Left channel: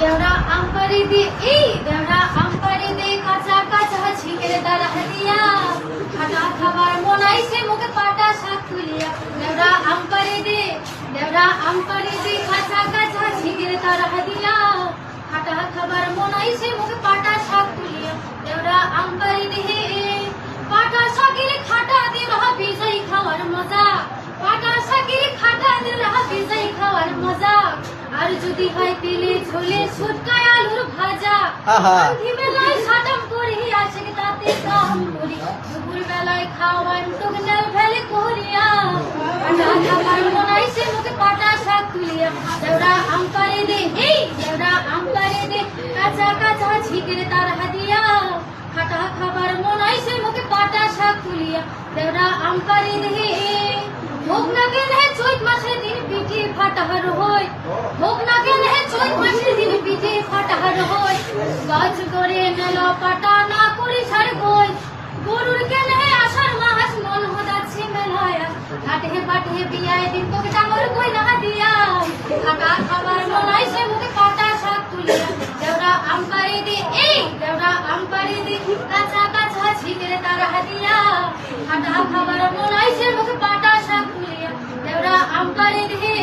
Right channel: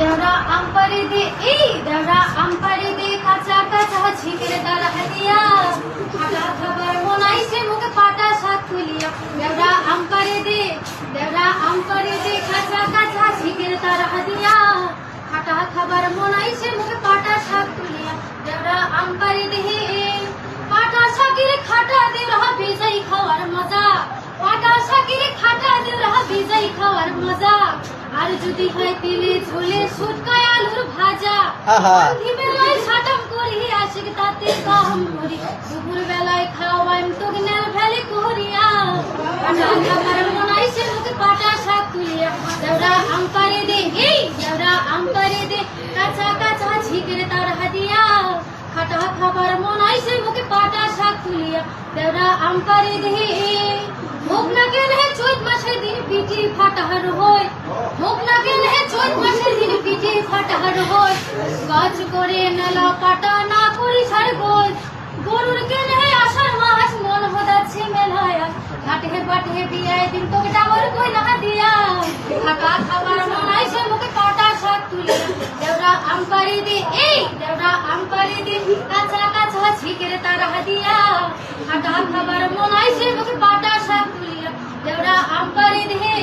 দেওরা আমপারি দে এই দেওরা আমপারি দে কাঁচা কাঁচা ছিটের দ্বারা দিয়া খাটা খাবার মনাইছে মুখে পাটা শাক তুলিয়া দেওরা আমপারি দে কাঁচা কাঁচা ছিটের দ্বারা দিয়া খাটা খাবার মনাইছে মুখে পাটা শাক তুলিয়া দেওরা আমপারি দে পাটা শাকের খাটা দে রহা বিজাই খাওয়ার মজা পাটা শাকের খাটা দে রহা বিজাই খাওয়ার মজা আর যদি হয় তিলে ঝোলে সুটকায় আলুর ভাজা বেলায় সাটাম করি আশিক তাতে কাম করি দুপুর বেলায় খাওয়ান তোগনাল ভেলে করিয়া পাটা খাবার মনাইছে মুখে পাটা শাক তুলিয়া দেওরা আমপারি দে এই দেওরা আমপারি দে কাঁচা কাঁচা ঝিকের তার হাদিয়া খাটা খাবার মনাইছে মুখে পাটা শাক তুলিয়া দেওরা আমপারি দে ভোগ না গেলে চৈত মাসের দিন পিঠে ফাটাহার হয় ভোগ না গেলে চৈত মাসের দিন পিঠে ফাটাহার হয় গাছ করে নেলা পাটা না করি সার বই গরুর কেনে আষাঢ় মাস মন হদাচ্ছে মেলায় ঘাটে বাটে বিয়ায় দিন তোকে ডাবল কই না দিয়া খাটা খাবার মনাইছে মুখে পাটা শাক তুলে দেওরা আমপারি দে এই দেওরা আমপারি দে কাঁচা কাঁচা ঝিকের তার হাদিয়া খাটা খাবার মনাইছে মুখে পাটা শাক তুলিয়া দেওরা আমপারি দে